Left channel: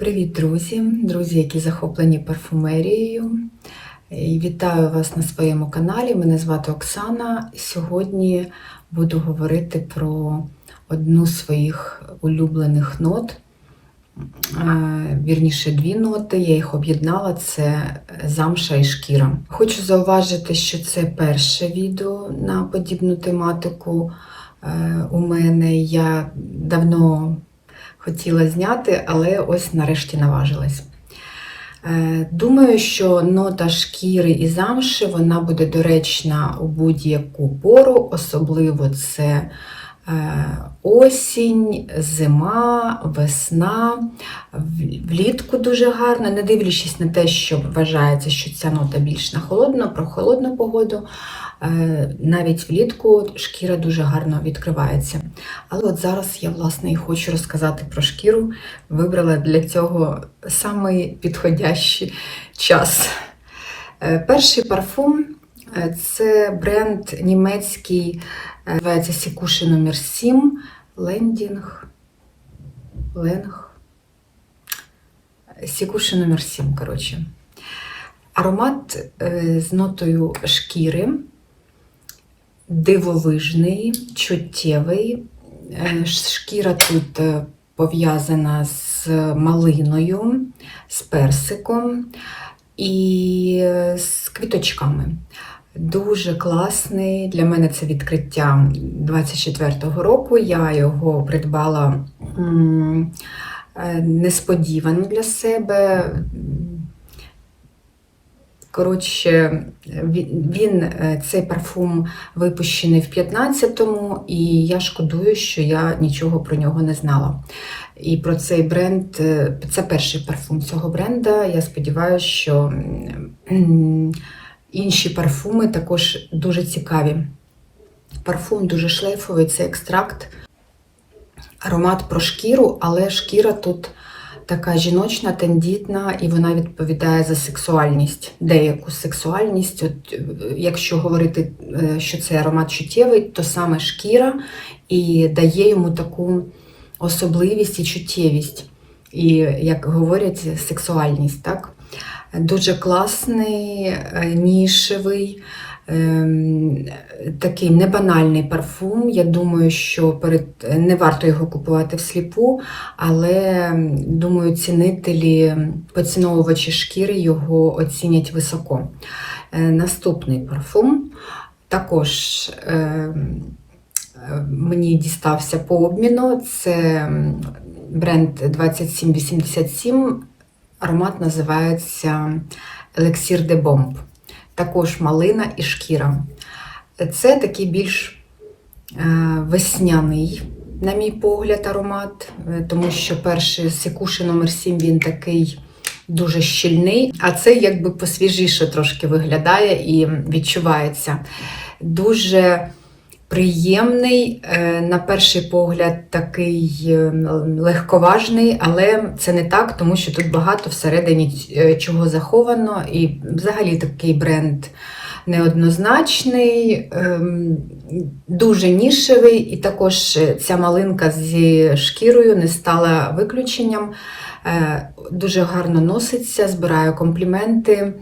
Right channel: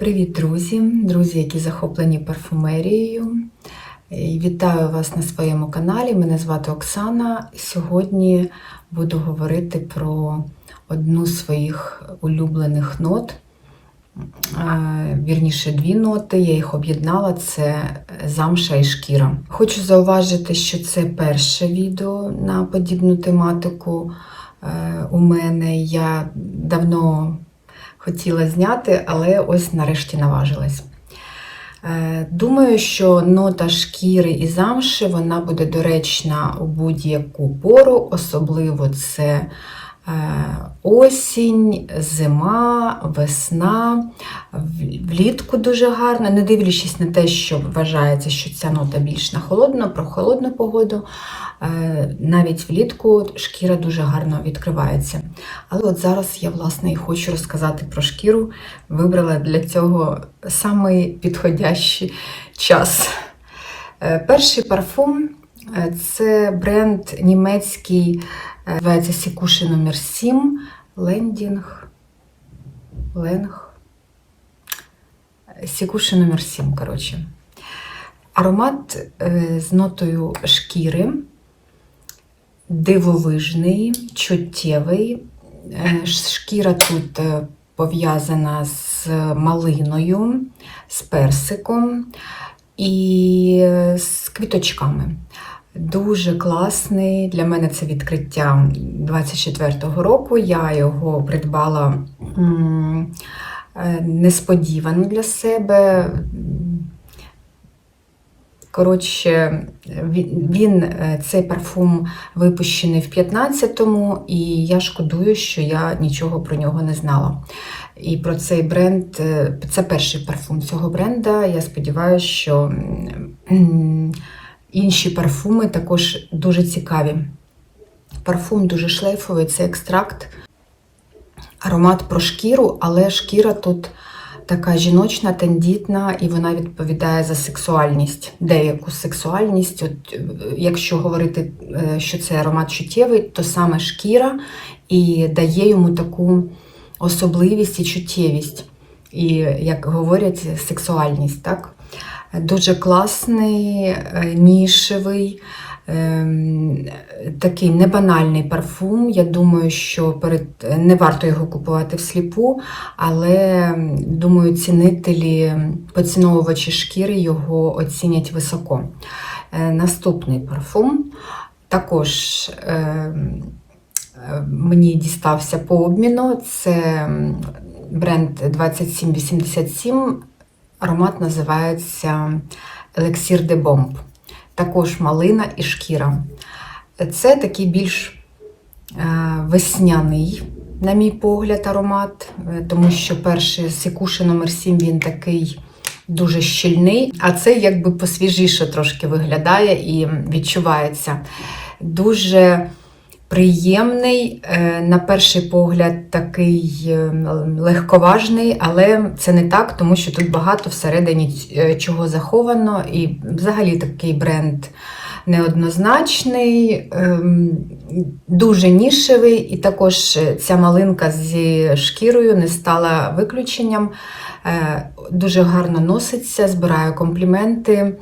Привіт, друзі! Друзі, які захоплені парфумерією. Вітаю вас на своєму каналі. Мене звати Оксана. Сьогодні буду говорити про одну з своїх улюблених нот. Е, Вірніше, дві ноти. Я їх об'єднала: це замша і шкіра. Хочу зауважити, що це перше відео на подібну тематику е, у мене. Я давно хотіла зняти, але ось нарешті наважилась. Е, Думаю, що нота шкіри і замши вона буде доречна у будь-яку пору, особливо це осінь, зима, весна, влітку дуже гарно, не дивлячись на те, що вважається, що ця нота більш на холодну, про холодну погоду. е, Навіть влітку шкіра дуже гарно відкривається. Але от зараз я власне і хочу розказати про шкіру. Вибрала для цього самий підходящий час. Е, Перший парфум е, це бренд німецький, е, називається Сікуші номер 7 Лендінг. Ленг. Сікуші номер 7, коротше. Аромат е, з нотою шкіри, дивовижний, чуттєвий. Е, Шкіра тут е, пов'язана з малиною, з персиком і е, з квіточками. Дуже класний. Для мене це відкриття 24-го року. Я його придбала е, несподівано для себе. Коротше, він, е, цей парфум випущений в 15-му, і я шкодую, що я нічого про нього не знала. І про цей бренд, е, це перший парфум цього бренда. Я сподіваюся, що інші парфуми також дуже цікаві. Парфум дуже шлейфовий, це екстракт, аромат про шкіру, але шкіра тут така жіночна, тендітна, і вона відповідає за сексуальність, деяку сексуальність. От, е, якщо говорити, е, що це аромат чуттєвий, то саме шкіра і дає йому таку особливість і чуттєвість. І, як говорять, сексуальність. Так? Дуже класний, е, нішевий, ем, такий небанальний парфум. Я думаю, що перед не варто його купувати всліпу, але думаю, цінителі, поціновувачі шкіри його оцінять високо. Е, Наступний парфум також. ем, е, Мені дістався по обміну. Це бренд 2787. Аромат називається Елексір де Бомб. Також малина і шкіра. Це такий більш е, весняний, на мій погляд, аромат, е, тому що перший Секуші номер 7 він такий дуже щільний, а цей якби посвіжіше трошки виглядає і відчувається. Дуже приємний, е, на перший погляд, такий е, легковажний, але це не так, тому що тут багато всередині е, чого заховано, і взагалі такий бренд неоднозначний, ем, дуже нішевий, і також ця малинка зі шкірою не стала виключенням. Дуже гарно носиться, збираю компліменти,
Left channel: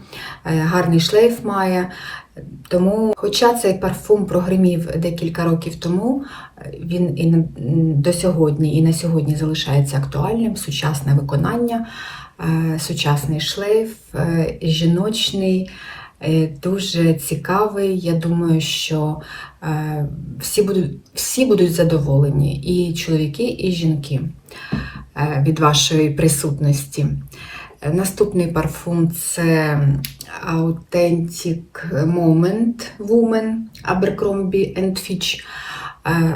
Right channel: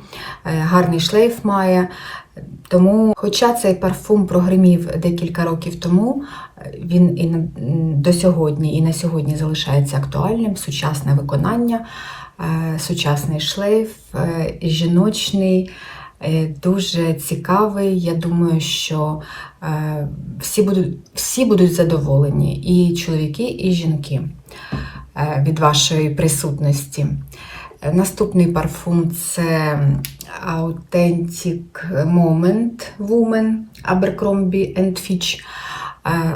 гарний шлейф має. Тому, хоча цей парфум прогримів декілька років тому, він і до сьогодні, і на сьогодні залишається актуальним, сучасне виконання, е, сучасний шлейф, е, жіночний, е, дуже цікавий. Я думаю, що всі будуть, всі будуть задоволені, і чоловіки, і жінки від вашої присутності. Наступний парфум це Authentic Moment Woman Abercrombie Fitch.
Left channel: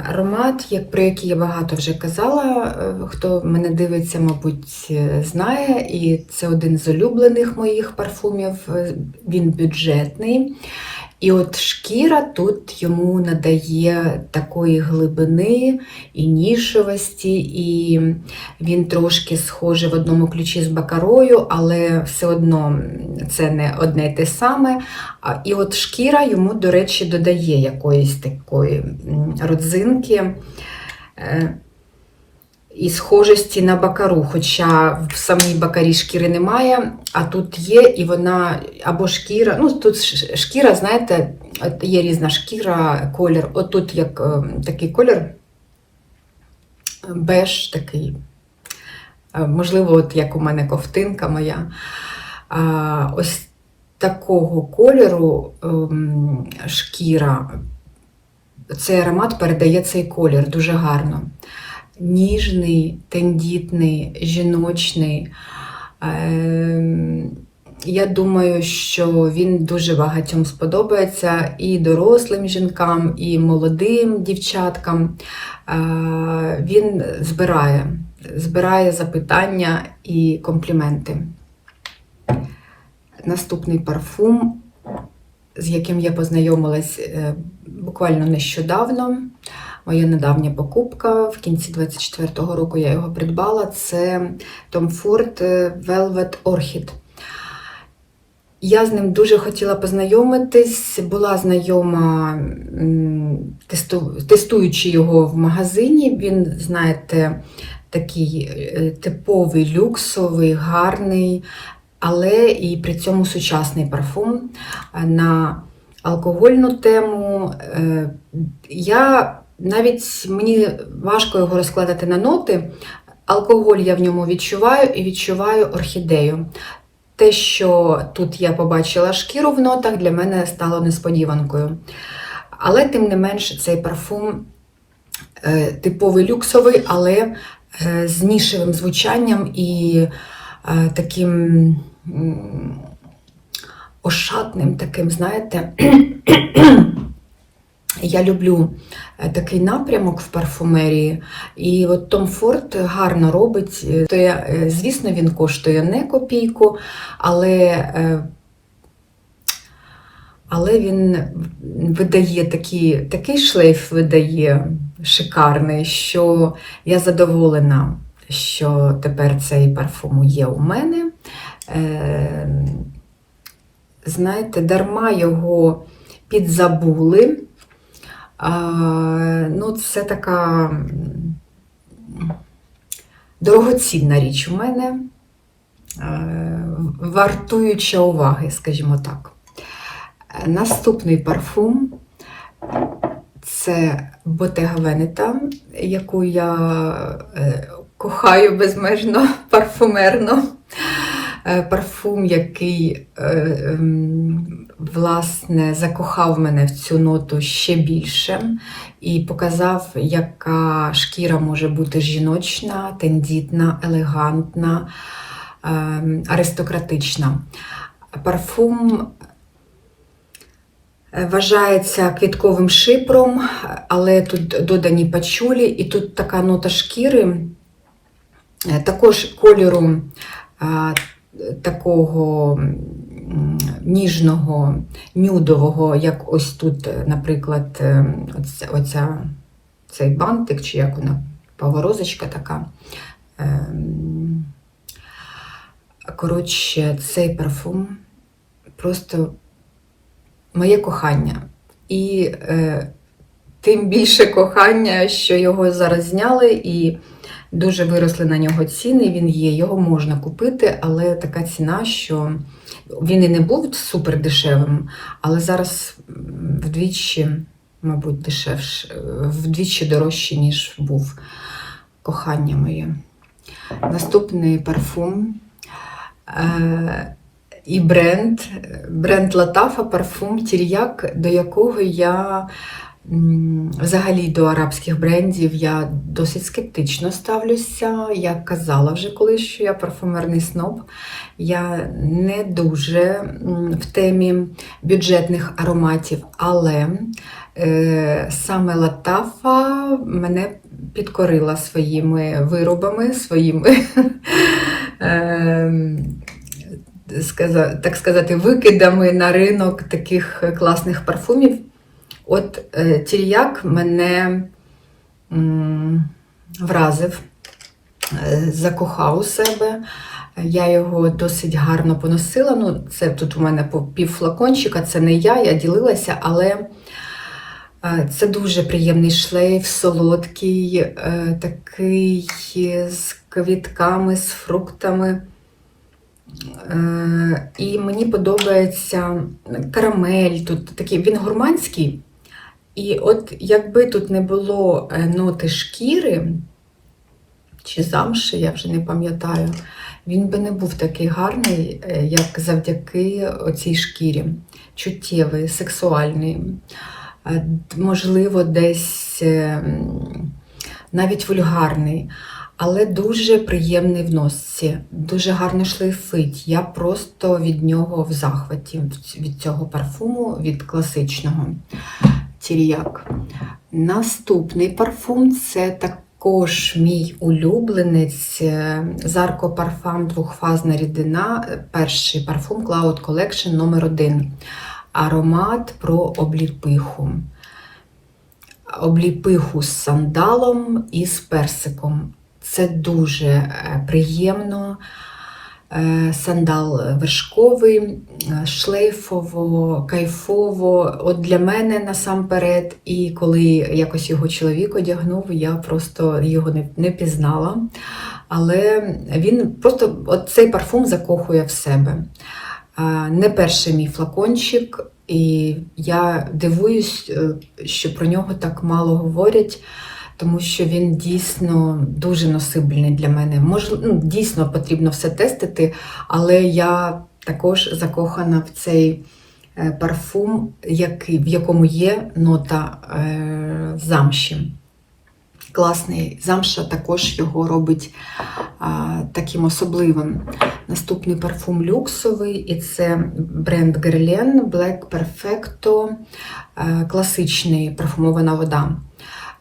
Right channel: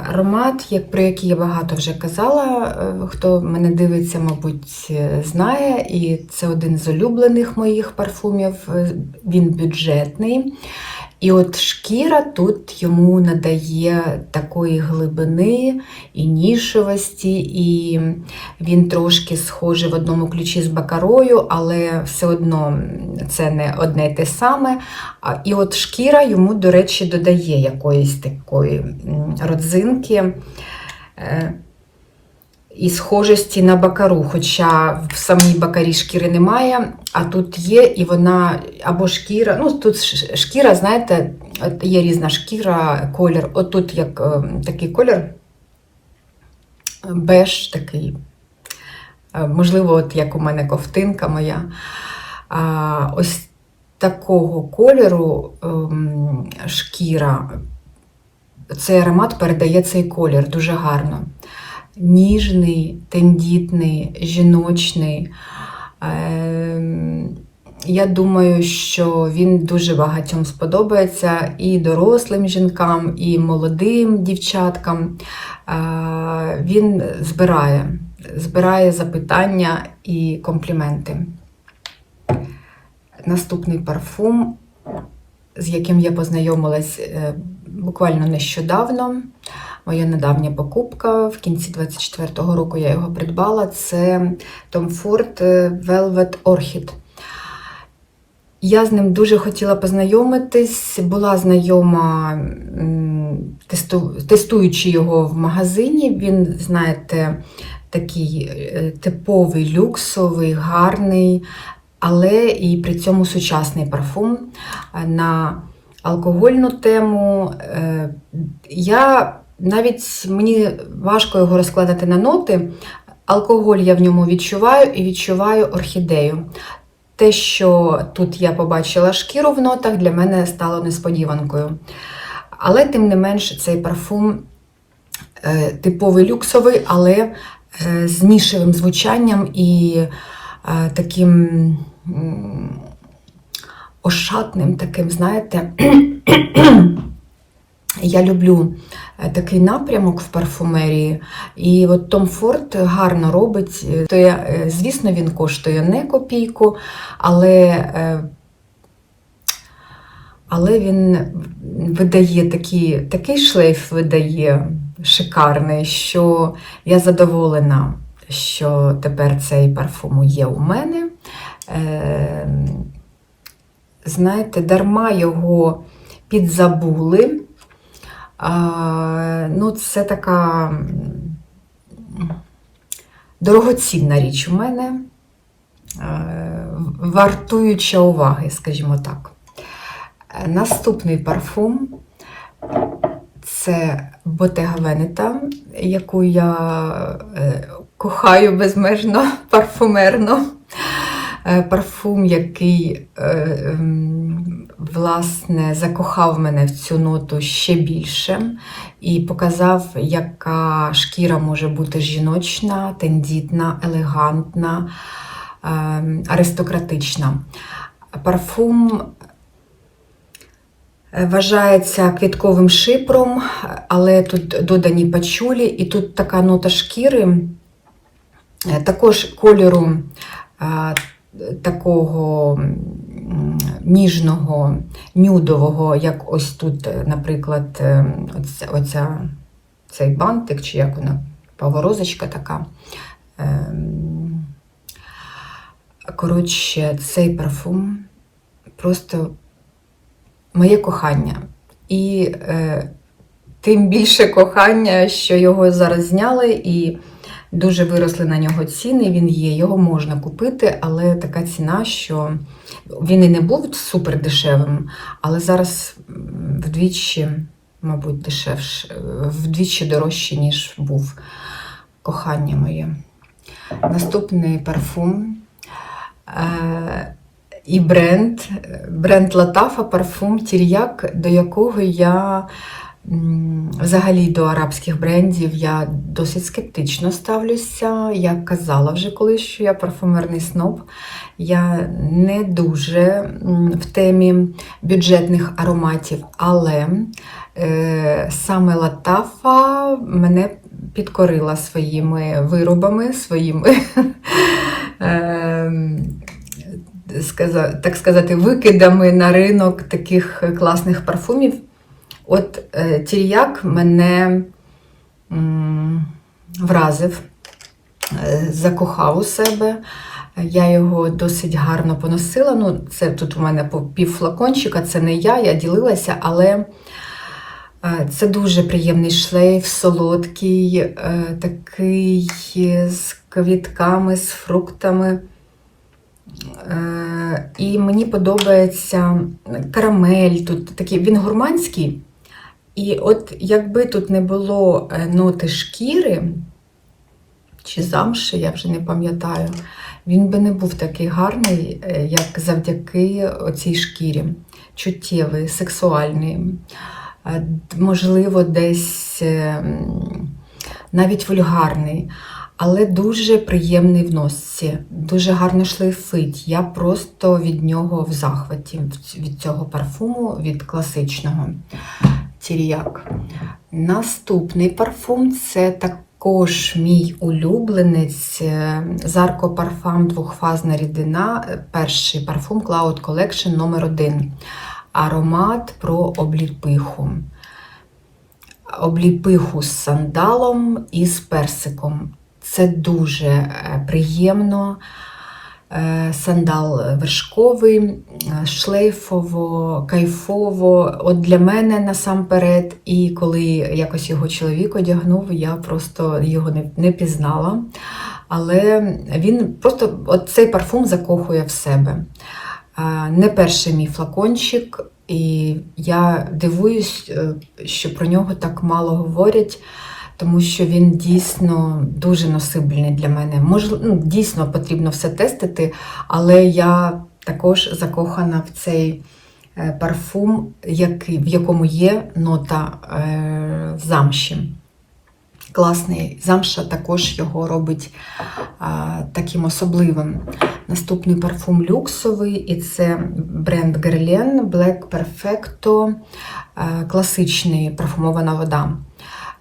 Аромат, як, про який я багато вже казала, е, хто мене дивиться, мабуть, е, знає. І це один з улюблених моїх парфумів. Е, Він бюджетний. І от шкіра тут йому надає такої глибини і нішевості, і він трошки схожий в одному ключі з бакарою, але все одно це не одне й те саме. І от шкіра йому, до речі, додає якоїсь такої родзинки. І схожості на бакару, хоча в самій бакарі шкіри немає, а тут є, і вона або шкіра. Ну, тут шкіра, знаєте, є різна шкіра, колір. Отут як е, такий колір, беж такий. Е, Можливо, от як у мене ковтинка моя. А, ось такого кольору ем, шкіра. Цей аромат передає цей колір дуже гарно. Ніжний, тендітний, жіночний. Ем, Я думаю, що він дуже багатьом сподобається і дорослим жінкам, і молодим дівчаткам. Е, Він збирає, збирає запитання і компліменти. Наступний парфум, з яким я познайомилась е, буквально нещодавно. Моя недавня покупка в кінці 24-го року я його придбала. Це Tom Ford Velvet Orchid. Я з ним дуже хотіла познайомитись, була знайома, тесту, тестуючи його в магазині. Він, знаєте, такий е, типовий, люксовий, гарний, але і при цьому сучасний парфум. На алкогольну тему е, я навіть мені важко його розкладати на ноти. Алкоголь я в ньому відчуваю і відчуваю орхідею. Те, що тут я побачила шкіру в нотах, для мене стало несподіванкою. Але, тим не менш, цей парфум е, типовий люксовий, але е, з нішевим звучанням і е, таким ошатним, таким, знаєте, я люблю е, такий напрямок в парфумерії, і от Том Форд гарно робить. Е, То я, е, звісно, він коштує не копійку, але, але він видає такі, такий шлейф видає шикарний, що я задоволена, що тепер цей парфум є у мене. Знаєте, дарма його підзабули. Ну, це така дорогоцінна річ у мене, е, вартуюча уваги, скажімо так. Наступний парфум це Bottega Veneta, яку я е, кохаю безмежно парфумерно. Е, Парфум, який е, ем, власне закохав мене в цю ноту ще більше і показав, яка шкіра може бути жіночна, тендітна, елегантна, ем, аристократична. Парфум е, вважається квітковим шипром, але тут додані пачулі, і тут така нота шкіри, також кольору такого ніжного, нюдового, як ось тут, наприклад, е, оця, оця, цей бантик, чи як вона, поворозочка така. Ем, Коротше, цей парфум просто моє кохання. І е, тим більше кохання, що його зараз зняли, і дуже виросли на нього ціни. Він є, його можна купити, але така ціна, що він і не був супер дешевим, але зараз вдвічі, мабуть, дешевше, вдвічі дорожче, ніж був кохання моє. Наступний парфум. Е, і бренд, бренд Латафа парфум Тір'як, до якого я взагалі до арабських брендів я досить скептично ставлюся. Я казала вже колись, що я парфумерний сноб. Я не дуже в темі бюджетних ароматів, але е, саме Латафа мене підкорила своїми виробами, своїми. ем, так сказати, викидами на ринок таких класних парфумів. От е, Тір'як мене вразив, е, закохав у себе. Я його досить гарно поносила. Ну, це тут у мене пів флакончика, це не я, я ділилася, але Е, Це дуже приємний шлейф, солодкий, такий з квітками, з фруктами. І мені подобається карамель. Тут такий, він гурманський. І от якби тут не було е, ноти шкіри чи замши, я вже не пам'ятаю, він би не був такий гарний, е, як завдяки оцій шкірі. Чуттєвий, сексуальний. Е, Можливо, десь навіть вульгарний, але дуже приємний в носці, дуже гарно шлейфить. Я просто від нього в захваті, від цього парфуму, від класичного тіріяк. Наступний парфум це також мій улюбленець Зарко Парфам двохфазна рідина. Перший парфум Cloud Collection номер 1 Аромат про обліпиху. Обліпиху з сандалом і з персиком. Це дуже е, приємно. Е, Сандал вершковий, е, шлейфово, кайфово. От для мене насамперед, і коли якось його чоловік одягнув, я просто його не, не пізнала. Але він просто от цей парфум закохує в себе. Е, Не перший мій флакончик, і я дивуюсь, що про нього так мало говорять тому що він дійсно дуже носибельний для мене. Може, ну, дійсно потрібно все тестити, але я також закохана в цей е, парфум, який, в якому є нота е, замші. Класний замша також його робить а, таким особливим. Наступний парфум люксовий, і це бренд Guerlain Black Perfecto, а, класичний парфумована вода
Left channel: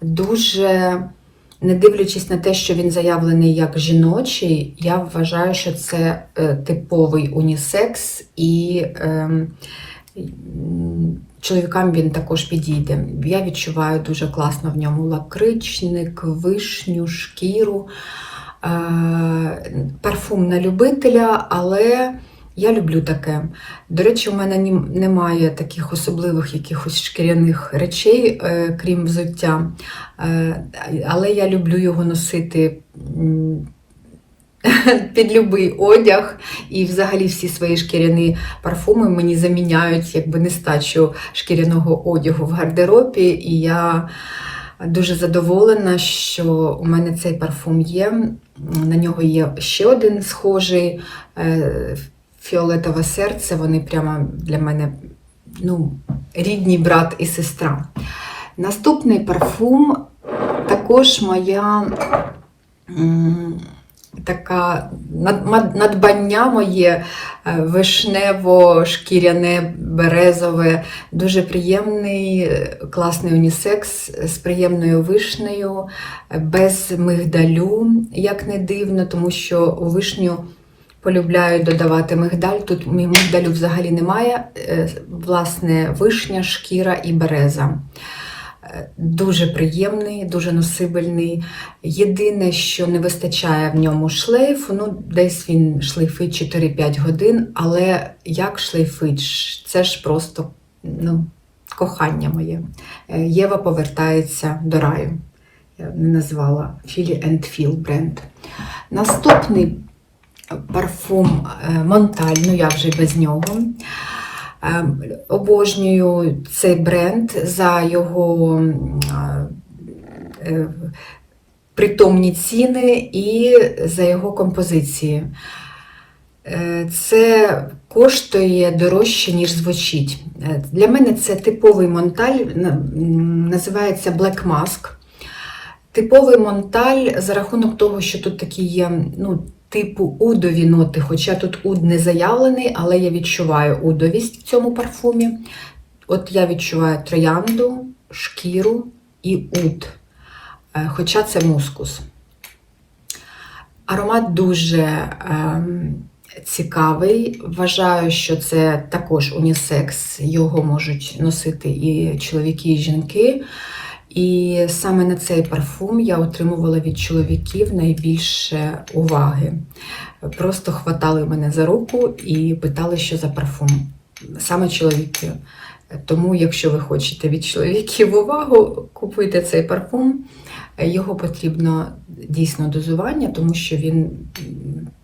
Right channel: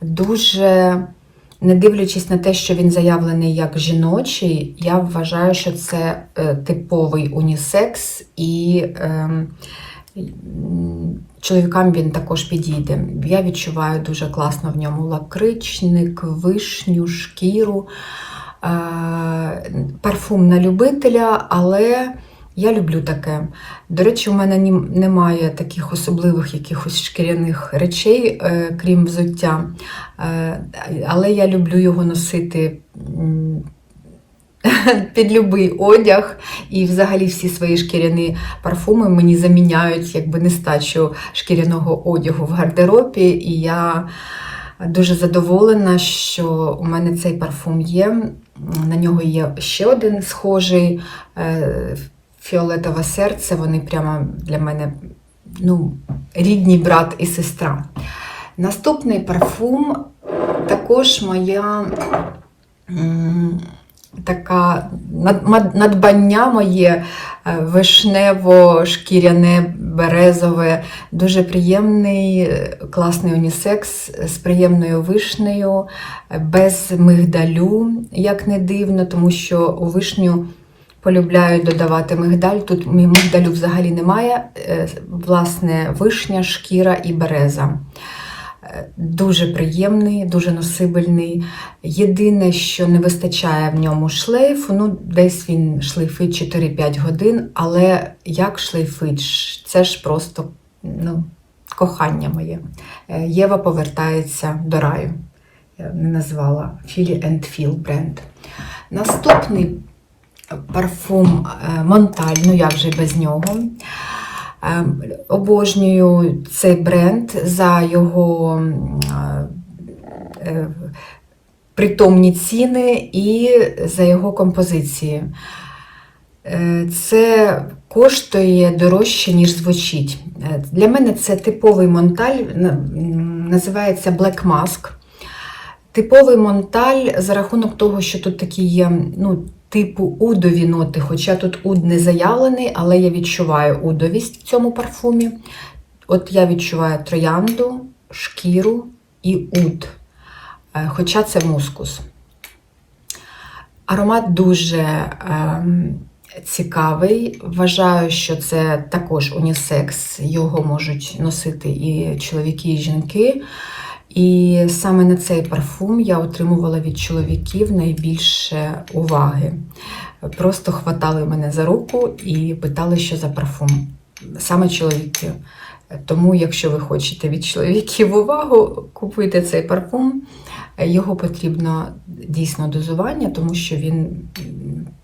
дуже, не дивлячись на те, що він заявлений як жіночий, я вважаю, що це е, типовий унісекс і е, чоловікам він також підійде. Я відчуваю дуже класно в ньому лакричник, вишню, шкіру, е, парфум на любителя, але. Я люблю таке. До речі, у мене немає таких особливих якихось шкіряних речей, е, крім взуття. Е, але я люблю його носити під любий одяг. І взагалі всі свої шкіряні парфуми мені заміняють якби нестачу шкіряного одягу в гардеробі. І я дуже задоволена, що у мене цей парфум є. На нього є ще один схожий. Е, фіолетове серце, вони прямо для мене ну, рідні брат і сестра. Наступний парфум також моя така надбання моє е, вишнево-шкіряне, березове, дуже приємний, е, класний унісекс з приємною вишнею, без мигдалю, як не дивно, тому що у вишню. Полюбляю додавати мигдаль. Тут мигдалю взагалі немає. Е, власне, вишня, шкіра і береза. Е, дуже приємний, дуже носибельний. Єдине, що не вистачає в ньому шлейфу, ну, десь він шлейфить 4-5 годин, але як шлейфить, це ж просто ну, кохання моє. Е, Єва повертається до раю. Я не назвала and Feel бренд. Наступний парфум е, Монталь, ну я вже без нього. Е, обожнюю цей бренд за його е, притомні ціни і за його композиції. Це коштує дорожче, ніж звучить. Для мене це типовий монталь, називається Black Mask. Типовий монталь за рахунок того, що тут такі є ну, типу удові ноти, хоча тут уд не заявлений, але я відчуваю удовість в цьому парфумі. От я відчуваю троянду, шкіру і уд, е, хоча це мускус. Аромат дуже е, цікавий. Вважаю, що це також унісекс, його можуть носити і чоловіки, і жінки. І саме на цей парфум я отримувала від чоловіків найбільше уваги. Просто хватали мене за руку і питали, що за парфум. Саме чоловіки. Тому, якщо ви хочете від чоловіків увагу, купуйте цей парфум. Його потрібно дійсно дозування, тому що він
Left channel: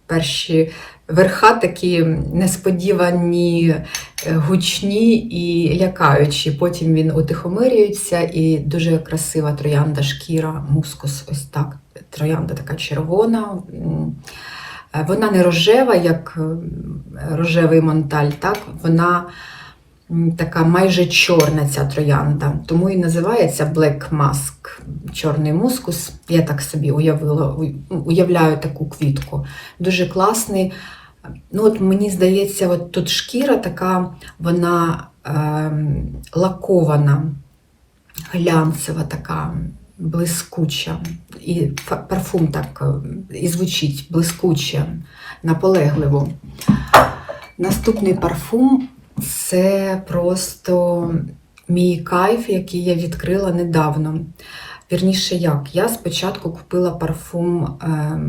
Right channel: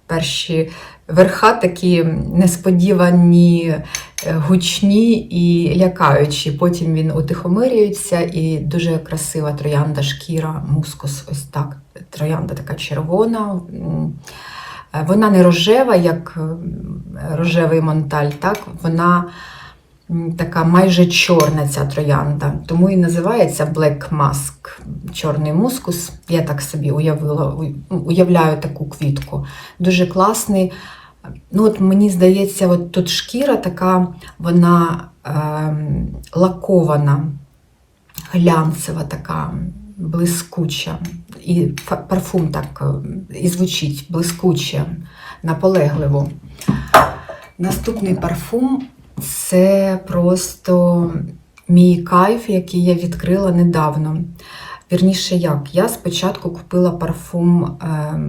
перші верха такі несподівані, е, гучні і лякаючі. Потім він утихомирюється і дуже красива троянда шкіра, мускус, ось так. Троянда така червона. Е, Вона не рожева, як рожевий монталь, так? Вона така майже чорна ця троянда. Тому і називається Black Mask, чорний мускус. Я так собі уявила, уявляю таку квітку. Дуже класний. Ну, от мені здається, от тут шкіра така, вона ем, лакована, глянцева така, блискуча. І парфум так е, і звучить блискуче, наполегливо. Наступний парфум це просто мій кайф, який я відкрила недавно. Вірніше, як? Я спочатку купила парфум е,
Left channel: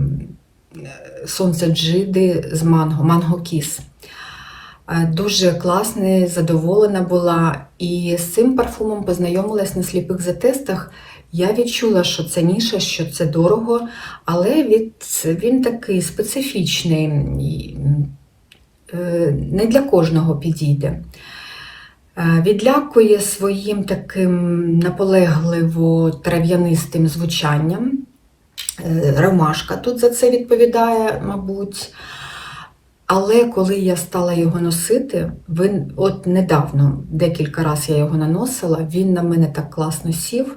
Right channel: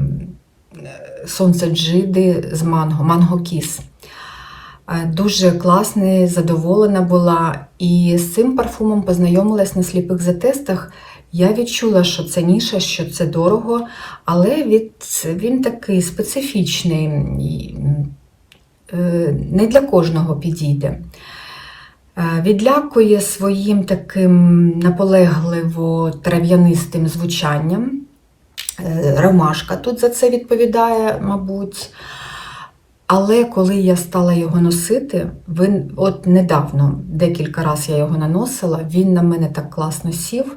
Сонце Джиди з манго, Манго Кіс. Е, Дуже класний, задоволена була. І з цим парфумом познайомилась на сліпих затестах. Я відчула, що це ніша, що це дорого, але від, він такий специфічний, е, не для кожного підійде. Е, Відлякує своїм таким наполегливо трав'янистим звучанням. Е, Ромашка тут за це відповідає, мабуть. Але коли я стала його носити, він, от недавно, декілька разів я його наносила, він на мене так класно сів.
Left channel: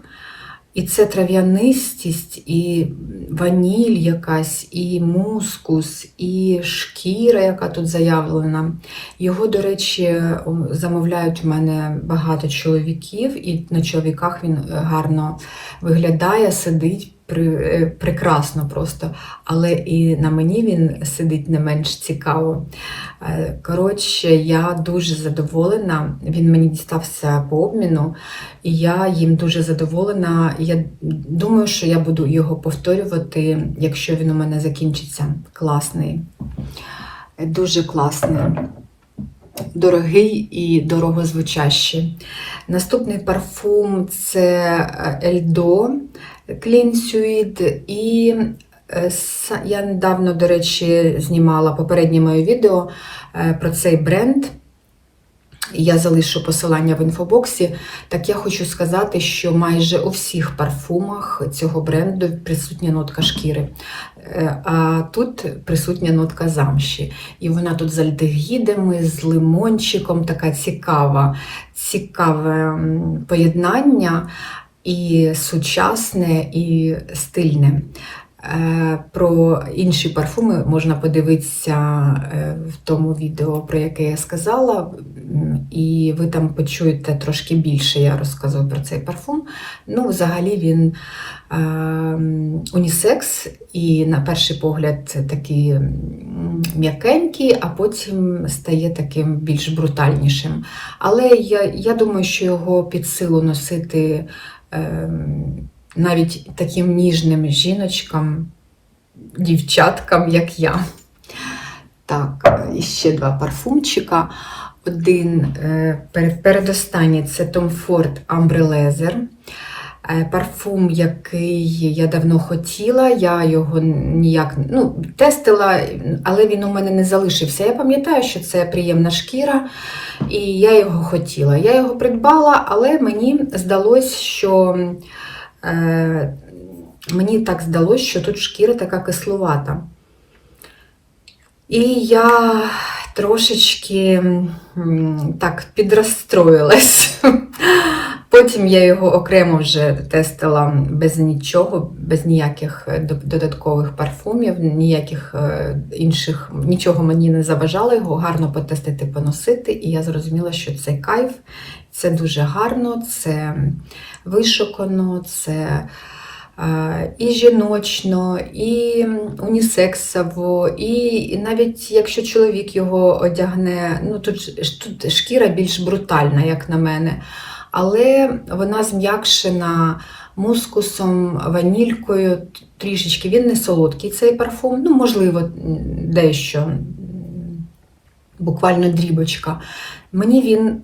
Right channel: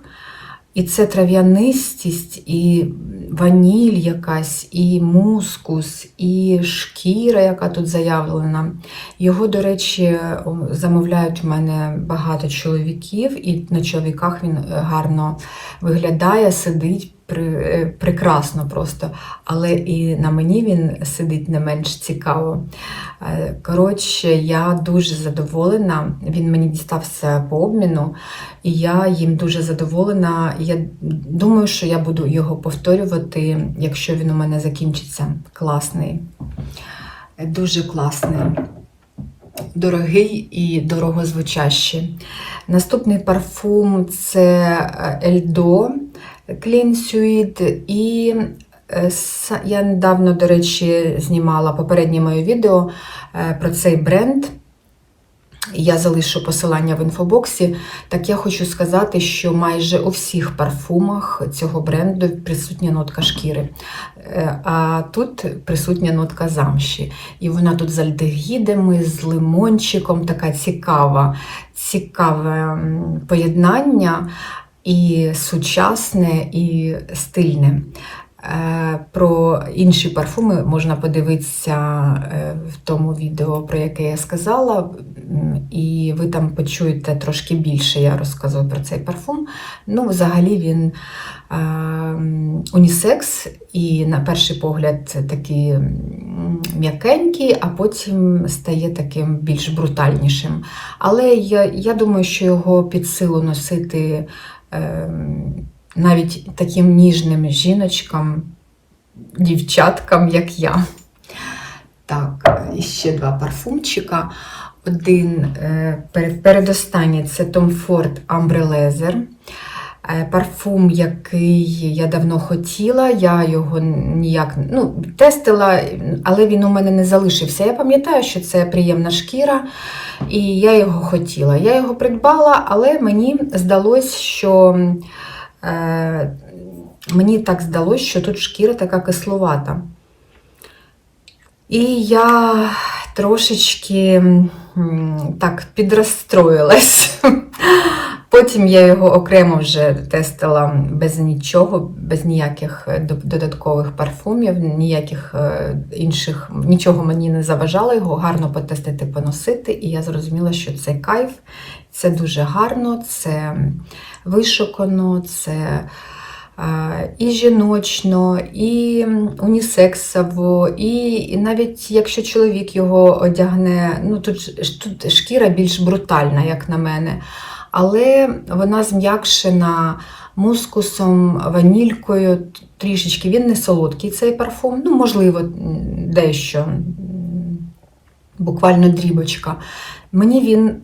І це трав'янистість, і ваніль якась, і мускус, і шкіра, яка тут заявлена. Його, до речі, замовляють у мене багато чоловіків, і на чоловіках він гарно виглядає, сидить при, е, прекрасно просто. Але і на мені він сидить не менш цікаво. Е, Коротше, я дуже задоволена. Він мені дістався по обміну, і я їм дуже задоволена. Я думаю, що я буду його повторювати, якщо він у мене закінчиться. Класний. Дуже класний. Дорогий і дорогозвучащий. Наступний парфум це Ельдо Clean Suite. І е, я недавно, до речі, знімала попереднє моє відео е, про цей бренд. Я залишу посилання в інфобоксі. Так я хочу сказати, що майже у всіх парфумах цього бренду присутня нотка шкіри. Е, А тут присутня нотка замші. І вона тут з альдегідами, з лимончиком, така цікава, цікаве поєднання і сучасне, і стильне. Е, Про інші парфуми можна подивитися е, в тому відео, про яке я сказала, і ви там почуєте трошки більше, я розказую про цей парфум. Ну, взагалі він е, унісекс, і на перший погляд такий м'якенький, а потім стає таким більш брутальнішим. Але я, я думаю, що його під силу носити. Навіть таким ніжним жіночкам, дівчаткам, як я. Так, і ще два парфумчика. Один е, передостанній це Tom Ford Ambre Leather. Е, Парфум, який я давно хотіла, я його ніяк ну, тестила, але він у мене не залишився. Я пам'ятаю, що це приємна шкіра, і я його хотіла. Я його придбала, але мені здалось, що мені так здалося, що тут шкіра така кисловата. І я трошечки так підрозстроїлась. Потім я його окремо вже тестила без нічого, без ніяких е, додаткових парфумів, ніяких е, інших, нічого мені не заважало його гарно потестити, поносити. І я зрозуміла, що це кайф, це дуже гарно, це вишукано, це і жіночно, і унісексово, і, навіть якщо чоловік його одягне, ну тут, тут шкіра більш брутальна, як на мене. Але вона зм'якшена мускусом, ванількою трішечки. Він не солодкий цей парфум, ну, можливо, дещо, буквально дрібочка. Мені він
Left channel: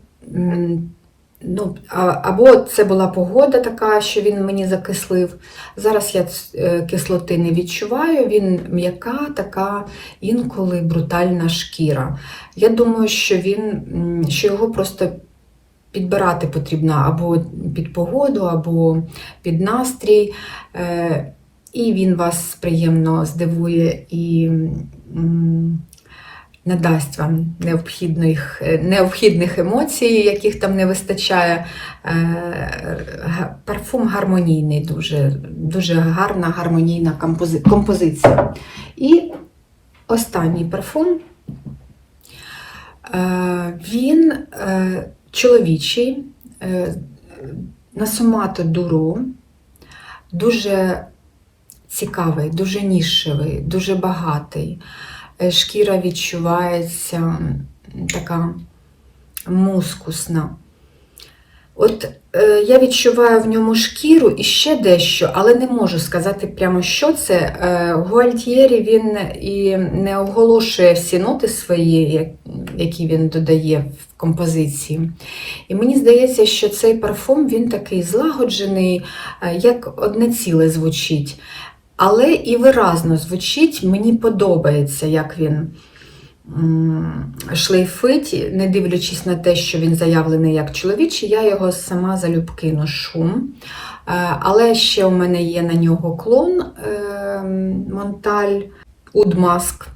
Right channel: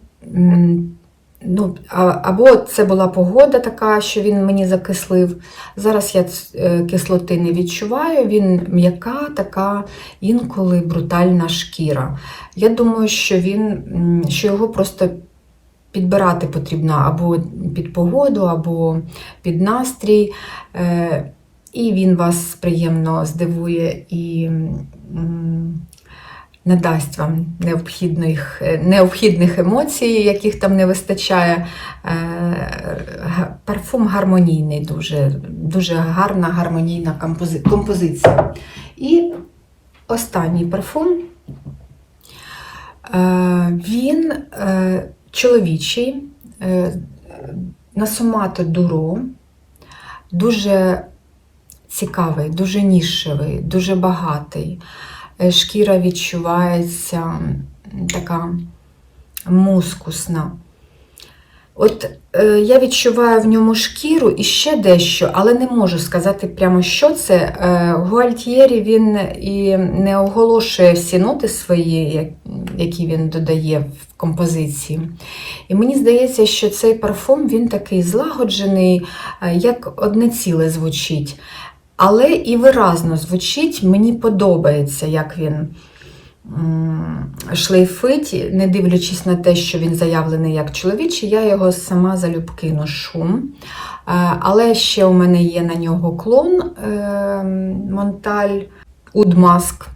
ну, або це була погода така, що він мені закислив. Зараз я е, кислоти не відчуваю, він м'яка, така інколи брутальна шкіра. Я думаю, що він, що його просто підбирати потрібно або під погоду, або під настрій. Е, І він вас приємно здивує і надасть вам необхідних, е, необхідних емоцій, яких там не вистачає. Е, Парфум гармонійний, дуже, дуже гарна гармонійна компози- композиція. І останній парфум. Е, Він чоловічий, е, Насумато Дуро, дуже цікавий, дуже нішевий, дуже багатий. Е, Шкіра відчувається така мускусна. От е, я відчуваю в ньому шкіру і ще дещо, але не можу сказати прямо, що це. Е, Гуальтьєрі він і не оголошує всі ноти свої, які він додає в композиції. І мені здається, що цей парфум він такий злагоджений, е, як одне ціле звучить. Але і виразно звучить, мені подобається, як він шлейфить, не дивлячись на те, що він заявлений як чоловічий, я його сама залюбки ношу. Е, Але ще у мене є на нього клон е, Монталь Удмаск.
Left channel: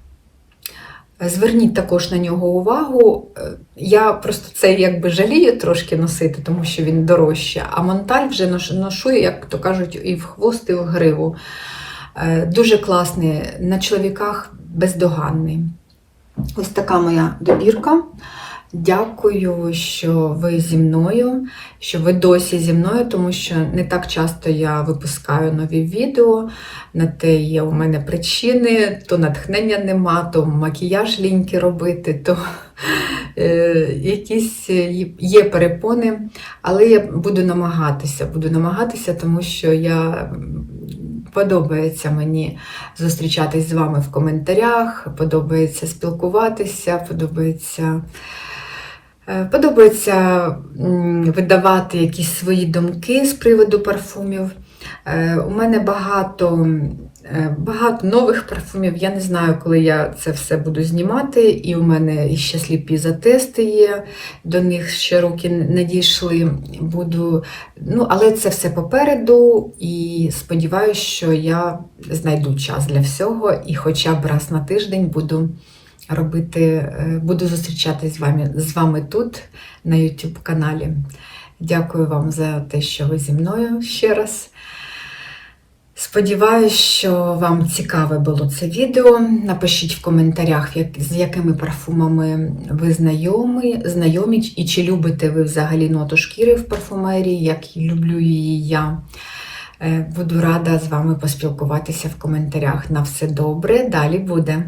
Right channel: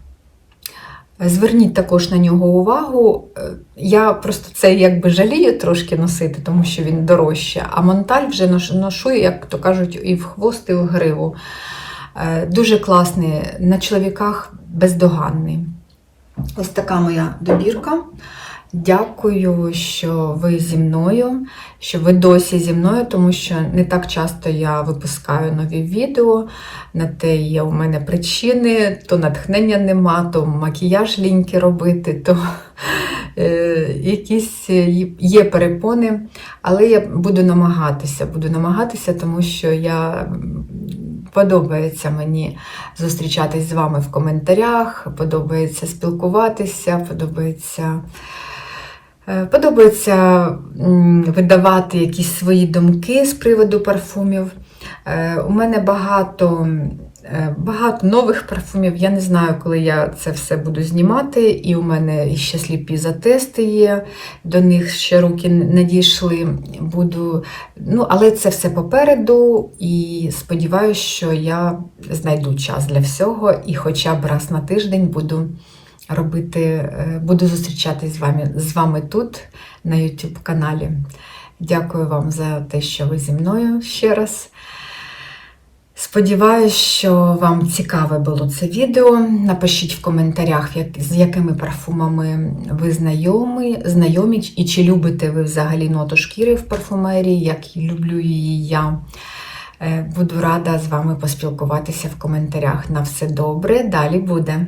Зверніть також на нього увагу. Е, Я просто це якби жалію трошки носити, тому що він дорожче. А Монталь вже ношу, як то кажуть, і в хвост, і в гриву. Е, Дуже класний, на чоловіках бездоганний. Ось така моя добірка. Дякую, що ви зі мною, що ви досі зі мною, тому що не так часто я випускаю нові відео. На те є у мене причини, то натхнення нема, то макіяж ліньки робити, то е, якісь є перепони. Але я буду намагатися, буду намагатися, тому що я подобається мені зустрічатись з вами в коментарях, подобається спілкуватися, подобається. Е, Подобається видавати якісь свої думки з приводу парфумів. Е, У мене багато, багато нових парфумів. Я не знаю, коли я це все буду знімати. І у мене ще сліпі затести є, до них ще руки не дійшли. Буду, ну, але це все попереду, і сподіваюся, що я знайду час для всього, і хоча б раз на тиждень буду робити, е, буду зустрічатись з вами, з вами тут на YouTube каналі. Дякую вам за те, що ви зі мною ще раз. Сподіваюсь, що вам цікаве було це відео. Напишіть в коментарях, з якими парфумами ви знайомі, знайомі, і чи любите ви взагалі ноту шкіри в парфумерії, як люблю її я. Е, Буду рада з вами поспілкуватися в коментарях. На все добре, далі буде.